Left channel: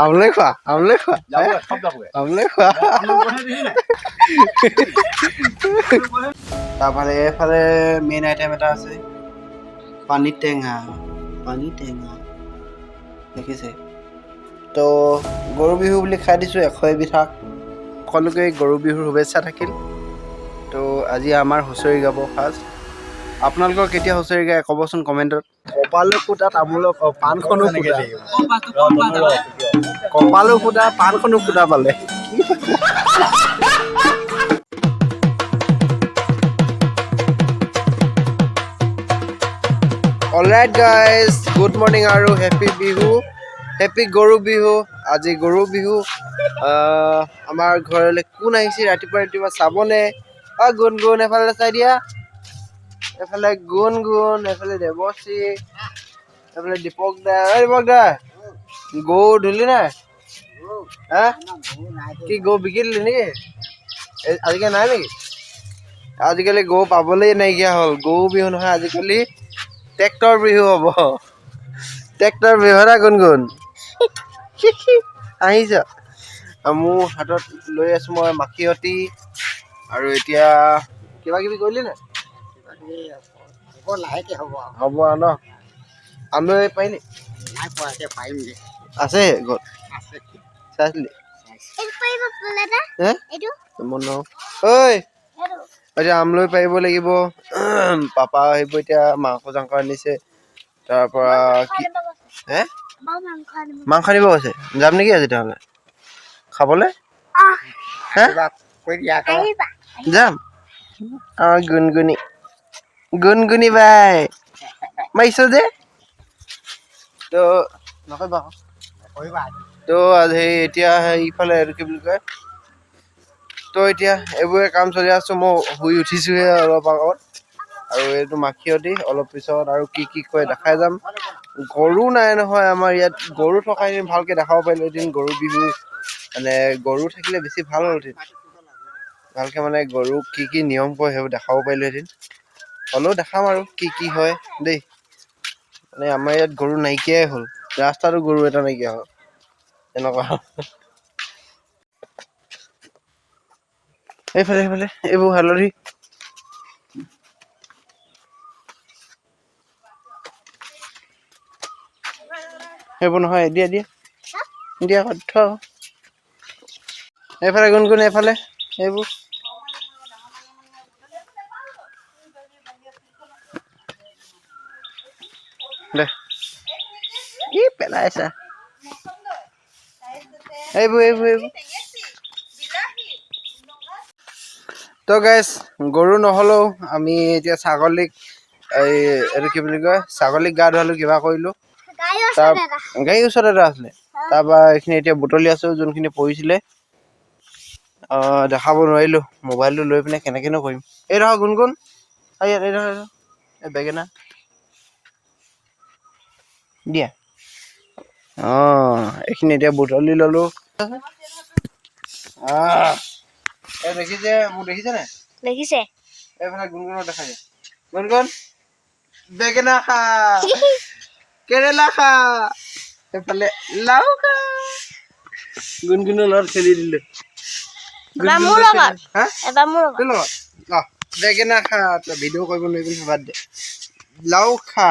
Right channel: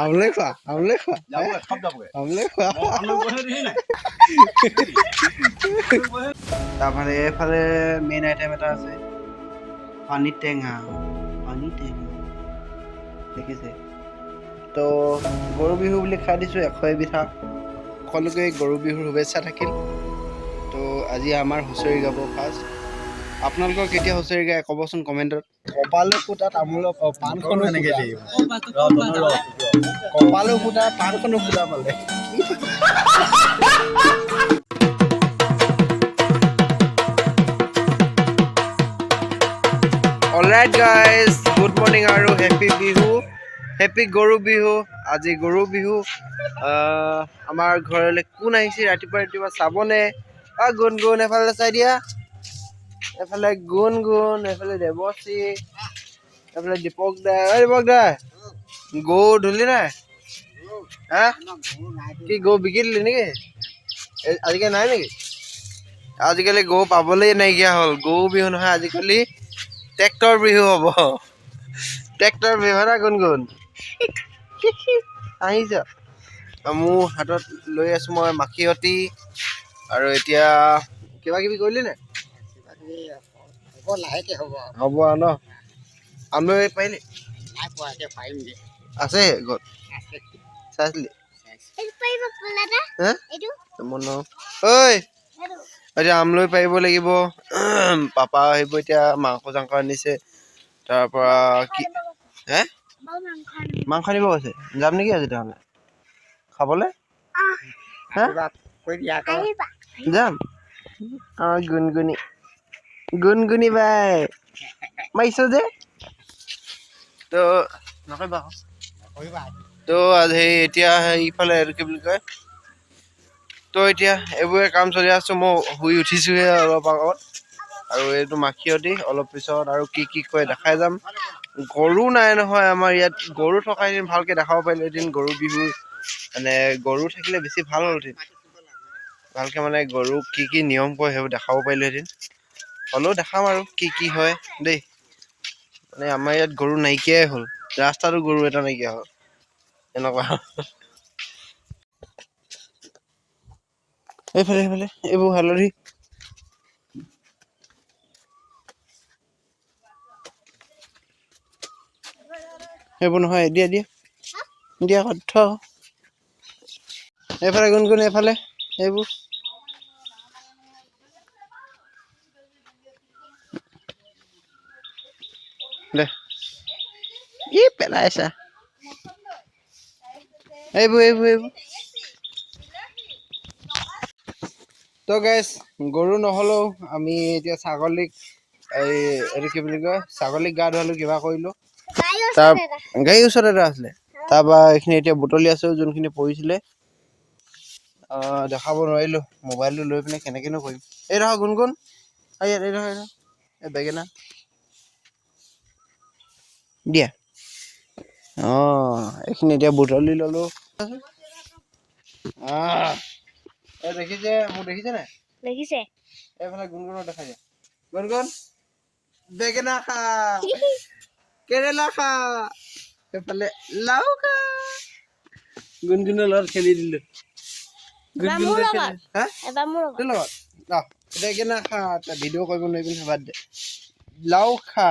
আমলৈ খোৱা আমলৈ খোৱা তাৰপৰা এইফালে মেইন আইটেম এটা আছে পানী টেঙা দেখিছে তো গৰু বিহু বুলি খাই দিছোঁ 100 এবিধ শাক সকলোকে গৰু বিহুৰ শুভেচ্ছা থাকিল তো আজি আমাৰ হুঁচৰি গাব ফাৰ্ষ্ট আপোনালোকৰ কেতিয়া হুঁচৰি গায় ক'বচোন কমেণ্টত কপালো ফুটা তামোলৰ পাণখনো ফুটা কপালো ফুটা পাণখনো ফুটা পালে অলৰাইট গাইজ গুড মৰ্ণিং আৰু হেপী বিহু হেপী গৰু বিহু আজি গৰু বিহু আমাৰ ঘৰলৈ কোন আহিছে ৰাতিপুৱা চাবনে গুণগুণ এফালে চাই দিয়া এফালে গুণগুণ এফালে দেৱশ্ৰী এফালে দীপক দা গৰু ধুলি নাই হা কি গৰু বিকি দিলি নেকি আজিকালি নাই নেকি আজিকালি গৰু পাবলৈ নাইকিয়া হ'ল গৰু বিহু নহয় আজিকালি ট্ৰেক্টৰ বিহু হ'ব ট্ৰেক্টৰ বিহু না গুণগুণ আহিছ মোৰ হাতত লৈ আছোঁ মই মাখিয়তী আৰু এতিয়া কিবা কিবি কৰিলি নাই লাহেকৈ হ'ব আৰু ন আমলৈ পাৰিলি আছে ঘৰত চাইছিলি ঐ এতিয়া আমলৈ পাৰিব লাগিব পাপা আহিব এতিয়া মাংস চাংস আনিছে তাৰ পৰা কি হে মাংস আনিব কৈছে যাম নেকি আজি তেতিয়াহ'লে খাবলৈ যাম গুণগুণি বাই মাৰিছ যে তো নকৰিবা তো সেই এতিয়া ইফালে এইটো কি বুলি কয় তো এতিয়া এইবোৰে কাম চলি আছোঁ মই শুই উঠিছোঁহে অলপ আগত আৰু এইটো মাখিয়তী অলপ পিছত আৰু কি কয় দেখাই যাম গৰু নাই নহয় আমাৰ ইয়াত গৰু থকা এদিন ভালকৈ দেখাব পাৰিলোঁ এদিন গৰু বিহু মানে গৰু থাকিলে বেছি ভাল হ'লহেঁতেন ভালকৈ মানে গৰু কি নিয়ম কৰে সেইবোৰ দেখাব পাৰিলোঁ এদিন হ'লেও দেখাম আৰু কি হয় দেই মানে আমাৰ ইয়াত গৰু নাইকিয়াই হ'ল ৰাস্তাটো গৰু এটা নাইকিয়া হ'ল এনেকুৱা এইফালে এইবোৰ হালধি সেইবোৰ নহয় দিয়া থ এইফালে গুণগুণ এইফালে এইবোৰ দে পেলাইছা এইবোৰ তো গাইজ গৰু নহ'লেও আমি এতিয়া ছাগলীক এইটো কি বুলি কয় ছাগলীক গা ধুৱালোঁ কিবা কৰিলোঁ তাৰ গাড়ীৰ ওচৰত এটা আছিলে তাৰপৰা এইখিনি এতিয়া বুটলি আছোঁ যোনখিনি পৰিছিলে দেখাব নোৱাৰিলোঁ মোবাইলটো লৈ পিনে কেনেকৈনো কৰিম এই ৰহ গুণগুণ এই বেঙেনা দিয়া এইখিনি এতিয়া বুটলি ল'লোঁ এই দেখিছে মোক দেখিছে নাই দেখিছে এইফালে গুণগুণক দেখাইছে গুণগুণ বেঙেনা খা কেৰেলা খা এইফালে লাও খা গুণগুণৰ লগত খেলি দিলে বেঙেনা খা তই ভিডিঅ' কৰিব নোৱাৰিবি বাদ দে লাও খা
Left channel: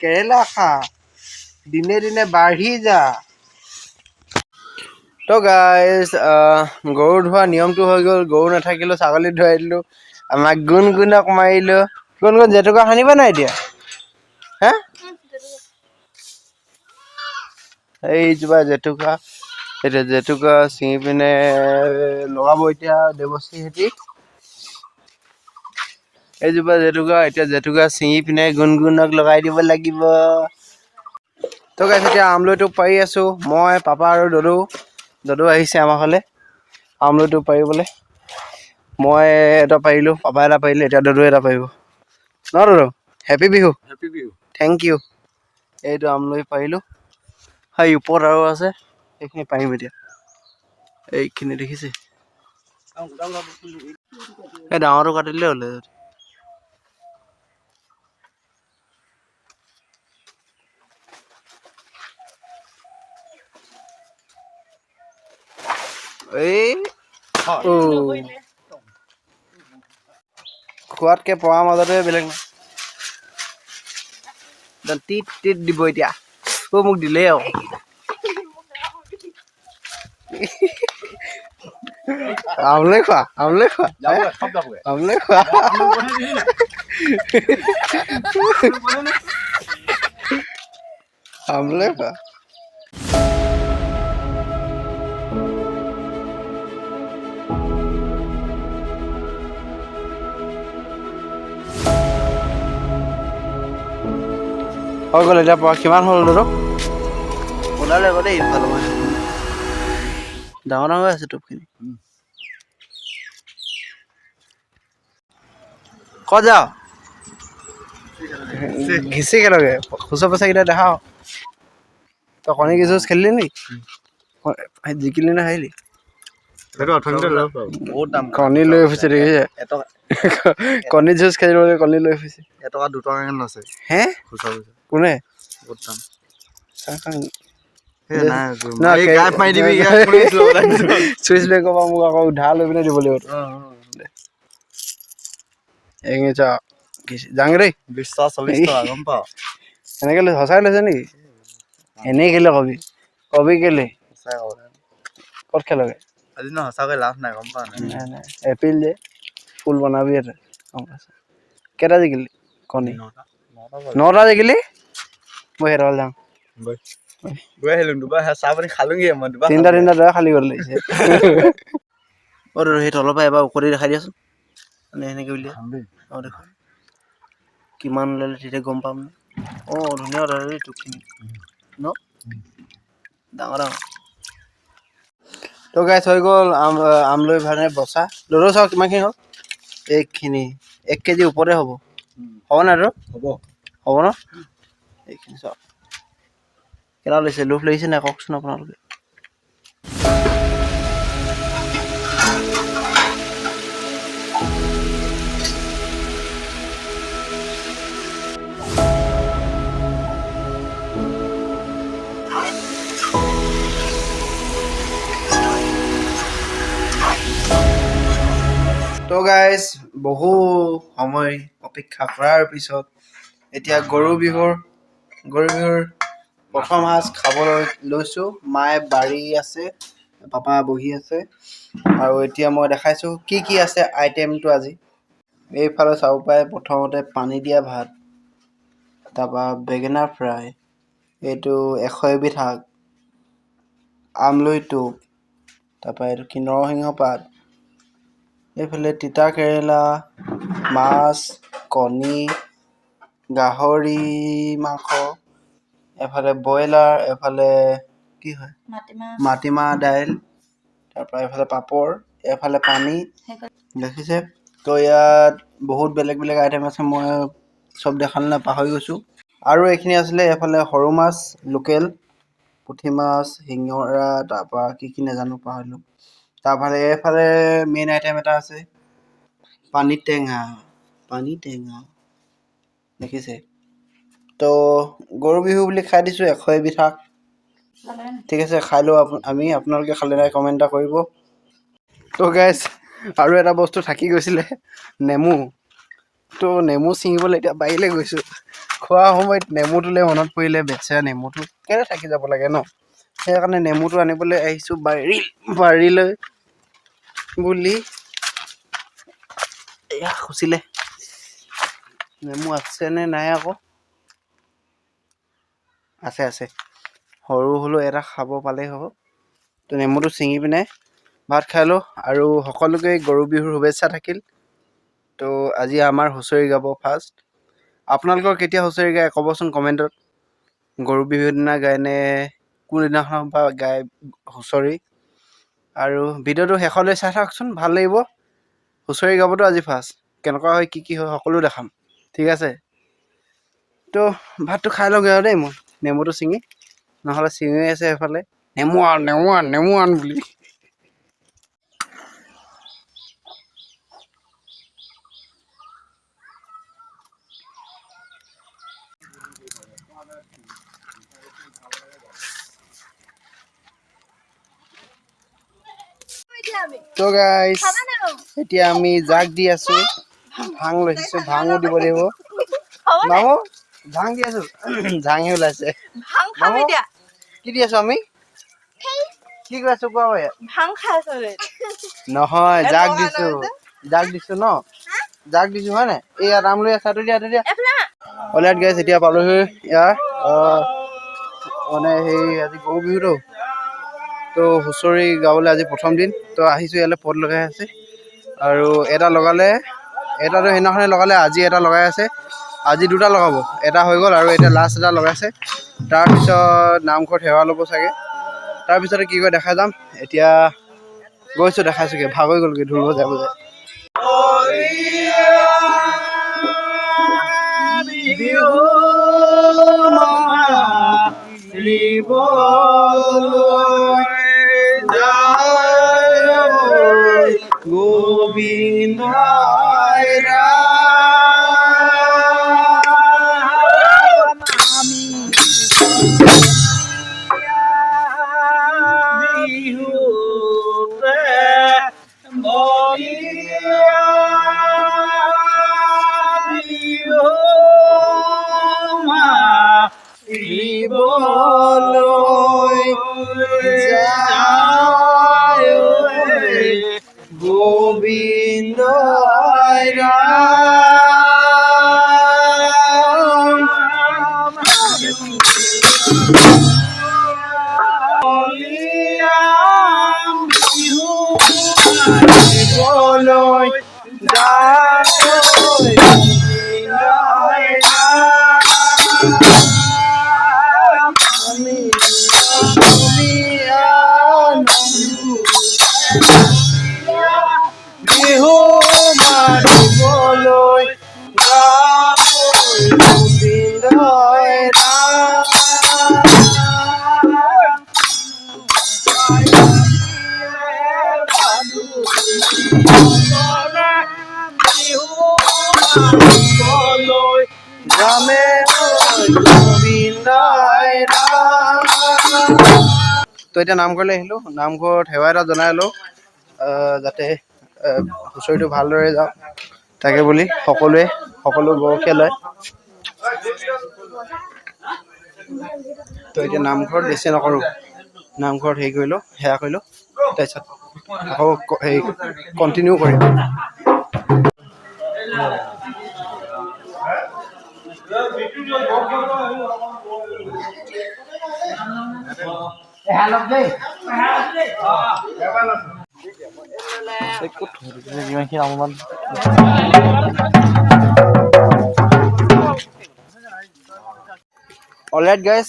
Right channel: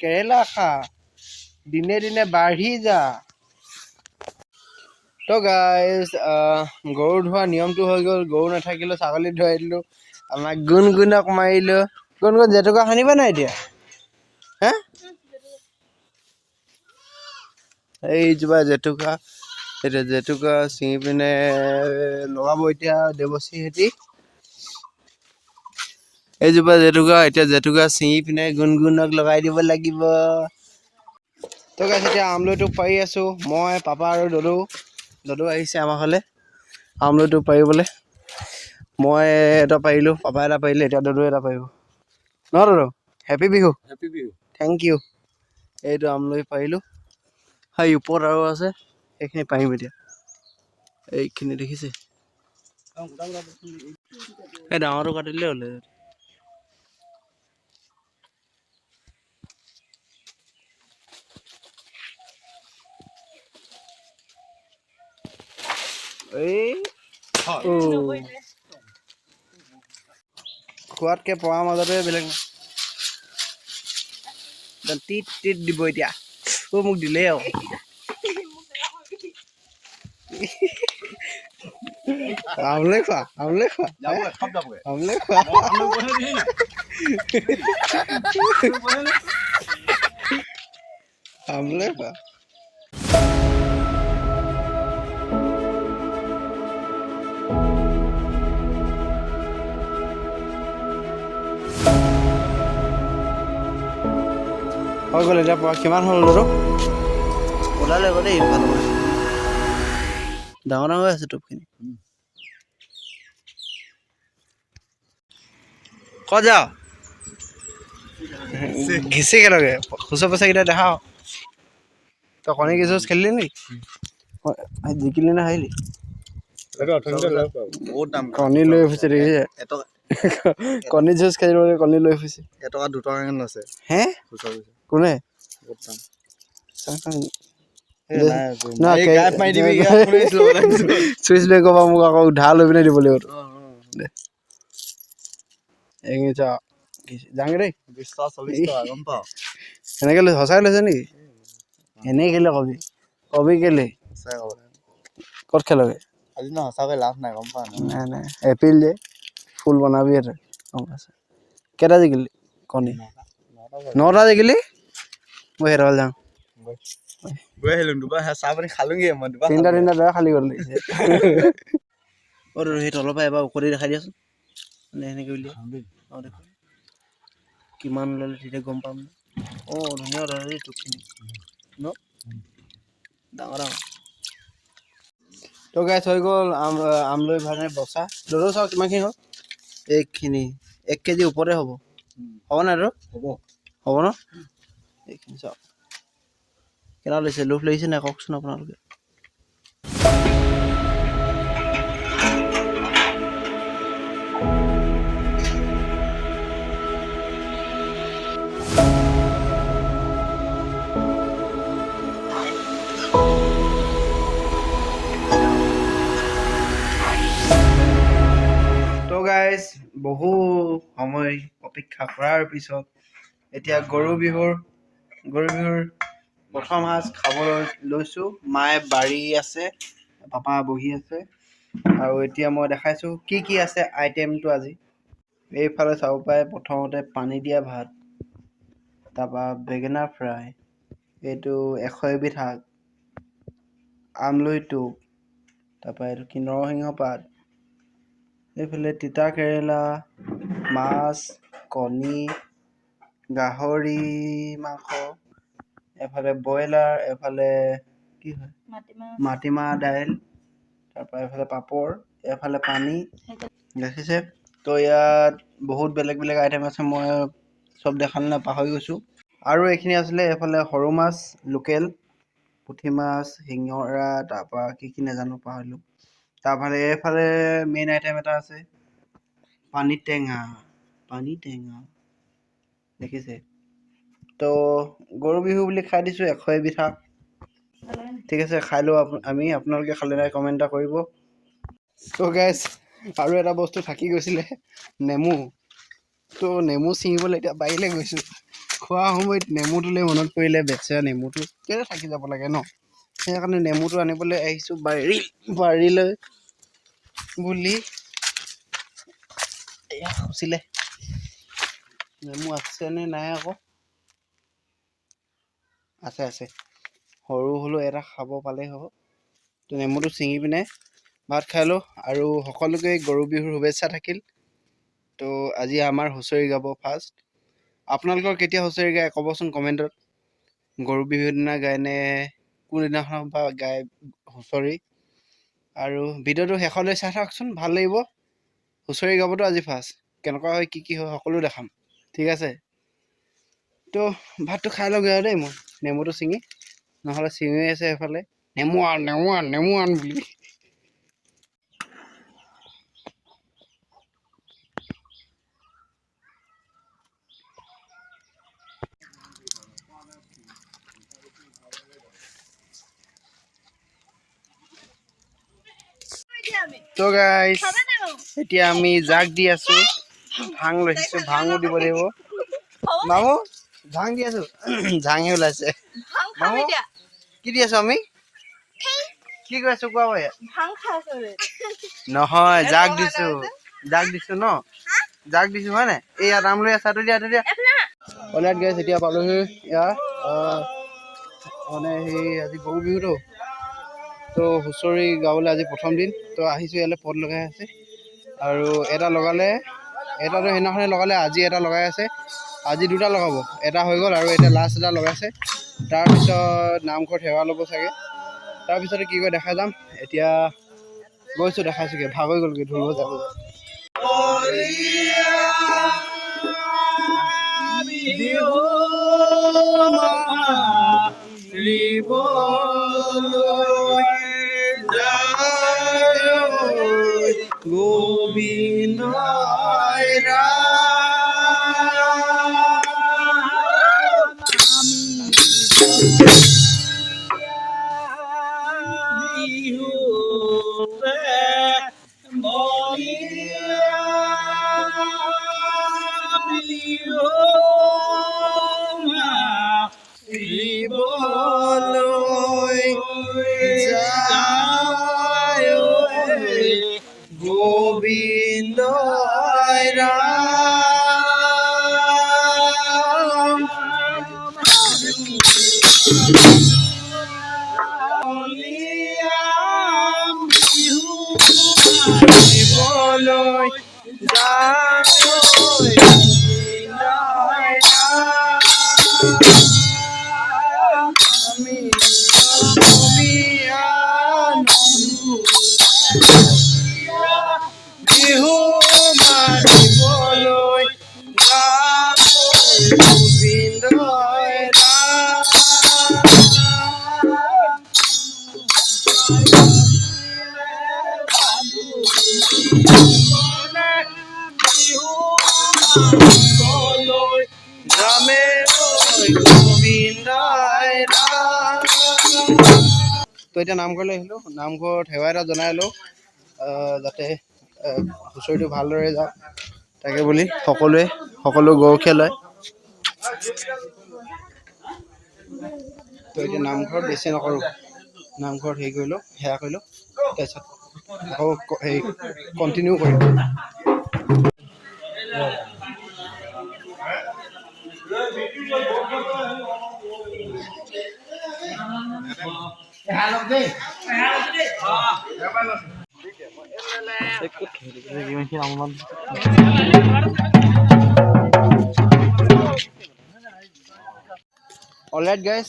কেৰেলা খা দিনে দিনে বাঢ়ি যা তো গাইজ গৰু ধোৱা নিয়মটো হৈ গ'ল গৰু নাথাকিলেও ছাগলী ধুৱাই দিলোঁ আমাক গুণগুণক মাৰিলোঁ গুণগুণ জেতুকা সানিবা নাই এতিয়া হা এইজোপা জেতুকা এতিয়া জেতুকা ছিঙি পিনে লগাব এতিয়া দেৱশ্ৰীহঁতি এইজোপা জেতুকা ছিঙি পিনে গুণগুণক লগাই দিব লাগিব তো গাইজ এতিয়া আমলৈটো পাৰি আছোঁ মই পাপা আৰু দদৌ আহিছে আমাৰ ফালে আমলৈটো পাৰিবলৈ মই এটা পাৰিলোঁ পাপা এটা পাৰিলে এতিয়া দদৌ এটা পাৰিব ন দদৌ হেপী বিহু থেংক ইউ এইটো আমলৈ পাৰিলোঁ হয় ওপৰত আৰু আছে এইখিনি পাৰিম এতিয়া এইখিনি দেখিছে এই ডাঙৰটো কাটি দিলে হ'লে এই খোৱাতকৈ পৰা মাজতে বেলেগ টিট টিট দিব এতিয়া মোক দিলেই আৰু আমলে খোৱা আমলে খোৱা আমলে খোৱা আমলে খোৱা হৈ গ'ল এতিয়া পৰা কিমান হ'ল ন ওলালে আকৌ দেই ডাঙৰ ডাঙৰ আছে টোপখিনি ক'ত যাওঁ ঘিচি কেনেকৈ খুচৰ পইচাকেইটা দেখাও তই কণী কি যুঁজ খেলিলি নি জিকিলি নে হাৰিলি কণী লৈ ফুৰিছে দেখিছে কণী যুঁজ খেলিবলৈ কণী লৈ ফুৰিছে এটকা 2 টকা আছে হে কোনে চুইচ বেংকৰ পৰা মোক আকৌ উধাৰ লৈ পিনে দিব লাগিব যাওঁগে দেই 20-40 টকা গম পাওঁ সেনেকে লৈ সঁচাই লৈছে নেকি এনেই কেলে কবি কেলে ক'ত খেলগে আজি ন সঁচাকৈ লাভ নাই গম পাওঁ নাই নাই এপ্ৰিল যে ফুল বনাবি ইয়াতে গম পাইছোঁ কেইটা জিকিলি কণী 9টা জিকিলি মই হেৰাল যাওঁ গৈ আহিলোঁ দুবাৰ চাহ পানী খালোঁগৈ মই দুবাৰ 3টা দৰা খালি গ'ল লাগিছে অ' সেই তলৰ পৰা এবাৰ ঔষধি দেখাই দিয়াচোন মানে সেনেকৈ উলিয়াই অঁ দেখোন কিমান ল'লে তেতিয়া গম পাম অঁ ধুনীয়া দাদা টোপখিনি ন ডাঙৰ ডাঙৰ তো গাইছ হৈ গ'ল আমলৈ ভানে বচা দৌৰ চাওঁ কিমানখিনি হ'ল এইখিনি 1 কেজি ওপৰতে হ'ব নাই দাদা হ'ব ন এইখিনি চাওক কেনেকুৱা লাগিছে লোভ লাগিছে নাই কওকচোন আপোনালোকে তো গাইজ বহু সময় অপেক্ষা কৰাৰ পিছত এতিয়া গৰু বিহুৰ প্ৰথম সাজ খাবলৈ লৈছোঁ মায়ে বাঢ়ি আছে পাপা বহি আছে আৰু এতিয়া মই দেখাইছোঁ কি আছে আইটেমটো আজি এইফালে চাব পাৰে প্ৰথমতে পানী দিয়া ভাত তাৰপৰা বেঙেনা ফ্ৰাই এইটো 100 এবিধ শাক আমলৈ টোপ তাৰপৰা এইটো কি নৰসিংহ পাত এইফালে তিতা কেৰেলা মাছ কণী গাহৰি মাংস এফালে ব্ৰইলাৰ এফালে কি হয় মাটিমাহ দাইল তাৰপৰা এফালে পাপৰ এফালে পানী দেখিছে তো ইয়াত বহুত বেলেগ আইটেম আছে মই চব দেখালে পাহৰি গৈছোঁ আৰু এইখিনি আছিলে এফালে সৰু মাছ লোকেল পুঠি মাছ শিঙৰা তাৰপৰা কি নাজানো পাহৰিলোঁ তাৰপৰা এইফালে মেইন আইটেম এটা আছে পানী টেঙা দেখিছে তো গৰু বিহু বুলি খাই দিছোঁ 100 এবিধ শাক ঠিক আছে খাই লওঁ আমি আপোনালোকে খালে নাই কমেণ্ট এটা কৰিব তো গাইজ আৰু এটা বস্তু থাকি গৈছিলে নেমু তো নেমু ছিঙিবলৈ এতিয়া বাৰীলৈ গৈছোঁ খোৱা সময়ত নেমুটোলৈ মনত পৰিলে বেচেৰা নেমুটো কেলৈ থাকি যাব লাগে ন সেইকাৰণে নেমুটো আনিবলৈ আহিছোঁ বাৰীলৈ বুলি এয়া খুচিলে নেমু আছেনে নাই আকৌ আছে সৰু হ'লেও এটা খাব পালেই হ'ব তো নেমুটো ছিঙি পিনে ভাত খাই লওঁ আৰু সকলোকে গৰু বিহুৰ শুভেচ্ছা থাকিল তো আজি আমাৰ হুঁচৰি গাব ফাৰ্ষ্ট আপোনালোকৰ কেতিয়া হুঁচৰি গায় ক'বচোন কমেণ্টত গৰু বিহুৰ দিনা গায়নে কোনদিনাখনৰ পৰা গায় হুঁচৰি আৰু ভিডিঅ'টো শেষলৈ চাই থাকচোন ভাল লাগিব হুঁচৰি গাবতো আজি ফাৰ্ষ্ট কেনেকুৱা হয় কি হয় সকলো দেখাম ঠিক আছে তো ভাতটো খাই লওঁগৈ আৰু দেই মই নেমুটো ছিঙি নহ'লে ছিঙি আছে এফালে নেমু আন বুলি তো গাইস এতিয়া আমি জাক দি আছো ভাং লৈছো ভাঙো দিব লাগিব মামু ভাং দি আছো ভাঙে ওলাইছে ভাং খাবি দিয়া কি দি আছো আমি কি কৈছো কোৱা ভাং খাইছো নহয় জাক দিছো ন জাক দিছো হয় নাই এই আম লৈ আছা দিয়া অলৰাইট গাইস এতিয়া পালোহি ইয়াৰ মানে সেই আজি গৰু বিহুটো তো হুঁচৰি গাবলৈ আজি প্ৰথম দিন তো আহিছোঁ ইয়ালৈ পদ লগাই আছে আৰু এটা লগালে এটাতো সেইদিনাখনে লগালে আজি এটা লগাই আছে আজি দুটা লগাব এটা হৈ গ'ল আৰু এতিয়া লাষ্ট এটা লগাইছে তাৰপিছত নামঘৰত সেৱা ল'ব চাগে তাৰপিছতে কি কয় দেখা যাম এতিয়া গৈছোঁ দেখাইছোঁগৈ ভাগ হৈ গ'লগৈ ঢোল বজাই বজাই গোবিন্দ গোবিন্দ তো এতিয়া নামঘৰলৈ আহিলোঁ নামঘৰত সেৱা এটা জনাই লওঁ যাতে হুঁচৰিটো ভালদৰে যাওক তাকে বুলি সকলো গৰখীয়া লয় তো এতিয়া নামঘৰত বেছি নকৰোঁ নামঘৰত হেৰি কৰিলোঁ সেৱা কৰিলোঁ তাৰপিছত আকৌ হেৰি কণ্টিনিউ কৰিম অলৰাইট গাইজ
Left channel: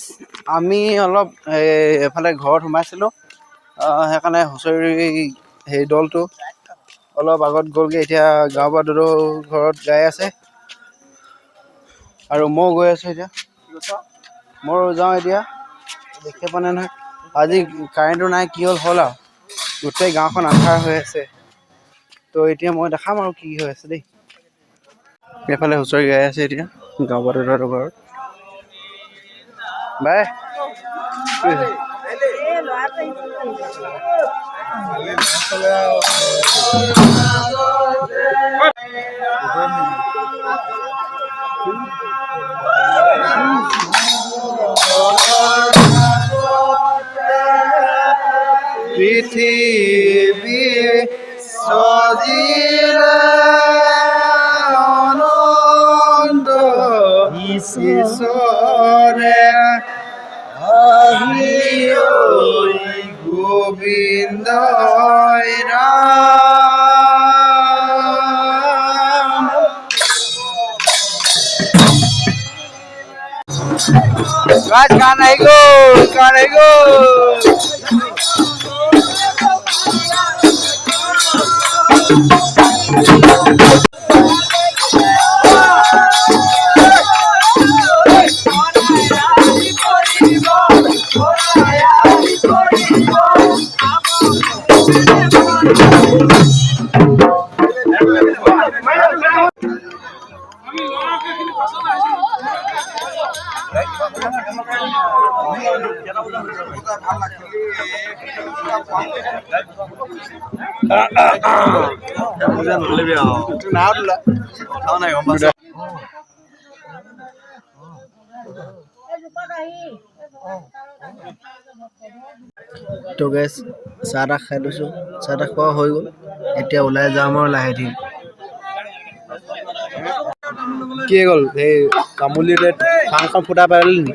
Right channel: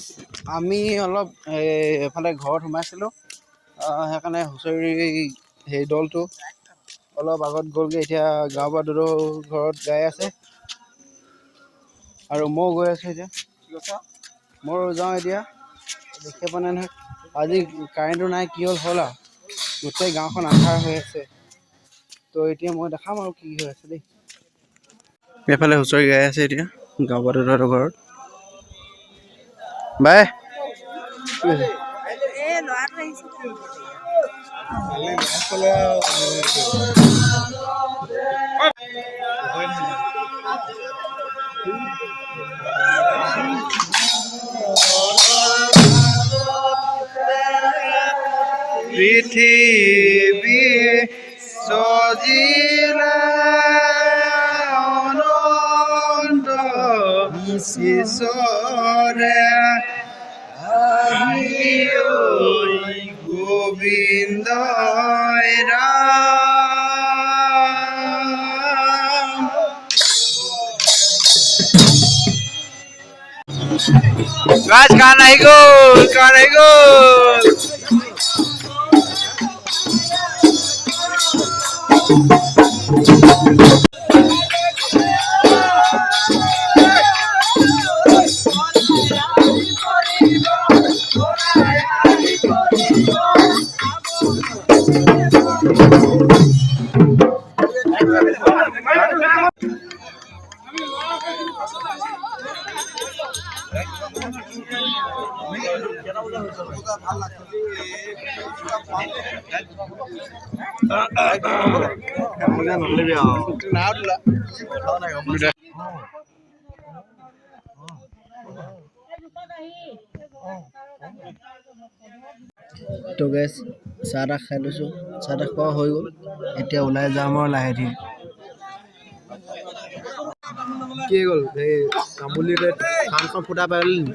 আমি অলপ এফালে ঘৰত সোমাইছিলোঁ সেইকাৰণে হুঁচৰি সেই দলটো অলপ আগত গ'লগৈ এতিয়া গাঁৱৰ পৰা দুটো ঘৰত গাই আছে আৰু ময়ো গৈ আছোঁ এতিয়া ময়ো যাওঁ এতিয়া দেখি পোৱা নাই নহয় আজি কাৰেণ্টটো নাই কি হ'ল আৰু গোটেই গাঁওখন আন্ধাৰ হৈ আছে তো এতিয়া মই দেখাম আৰু কি হৈ আছে দেই এইফালে হুঁচৰি গাই আছে এতিয়া গাঁও পৰা দুটো ঘৰত বাই পৃথিৱী সজিলে অনন্ত ঈশ্বৰে গোবিন্দ গাছ গান আহি গ'ল তো গেছ চাহ তাহ খাই লৈছোঁ, চাহ তাহ খোৱা হৈ গ'ল। এতিয়া ওলাই যাম আৰু লাহে ধীৰে। কি গ'ল সেই তামোলিতে পাণখন ফুটা পাৰিলি নি?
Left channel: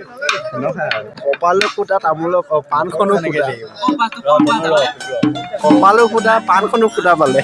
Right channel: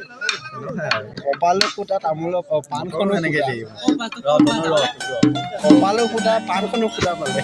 কপালো ফুটা তামোলৰ পাণখনো ফুটা, কপালো ফুটা পাণখনো ফুটা পালে।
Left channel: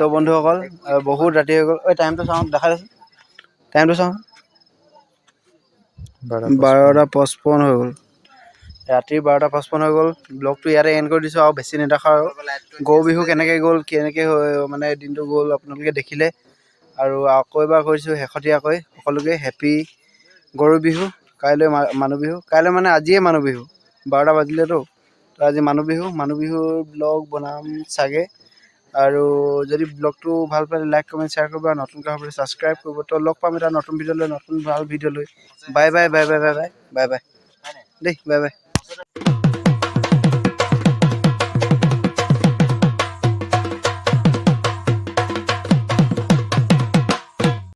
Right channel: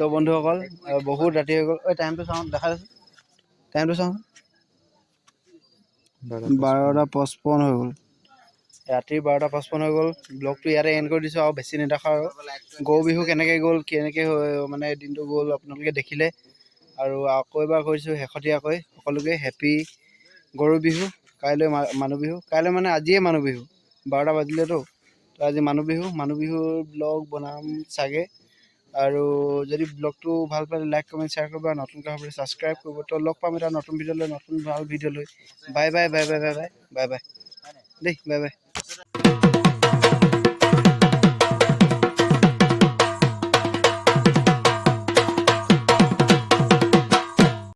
তো বন্ধুসকল বহুত ৰাতি হৈ গ'ল। ঐ টাইমটো চাওঁ, দেখাই দেচোন টাইমটো চাওঁ। 12:55 হৈ গ'ল, ৰাতিৰ 12:55 হৈ গ'ল। ব্লগটো ইয়াতে এণ্ড কৰি দিছোঁ আৰু বেছি নেদেখা আৰু। গৰু বিহু কেনেকৈ গ'ল, কেনেকৈ মানে দিনটো গ'ল আপোনালোকে দেখিলে। আৰু আকৌ এবাৰ কৈছোঁ শেহতীয়াকৈ সকলোকে হেপী গৰু বিহু। কাইলৈ মানুহ বিহু, কাইলৈ মানে আজিয়ে মানুহ বিহু, 12টা বাজিলেতো। তো আজি মানুহ বিহুৰ ব্লগ বনাম চাগে। আৰু যদি ব্লগটো ভাল পালে লাইক কমেণ্ট শ্বেয়াৰ কৰিব আৰু নতুনকৈ হ'বলৈ ছাবস্ক্ৰাইব কৰিব। তো লগ পাম এটা নতুন ভিডিঅ' লৈ, নতুন ভাল ভিডিঅ' লৈ। Bye bye bye bye bye bye bye bye দেই, বাই বাই।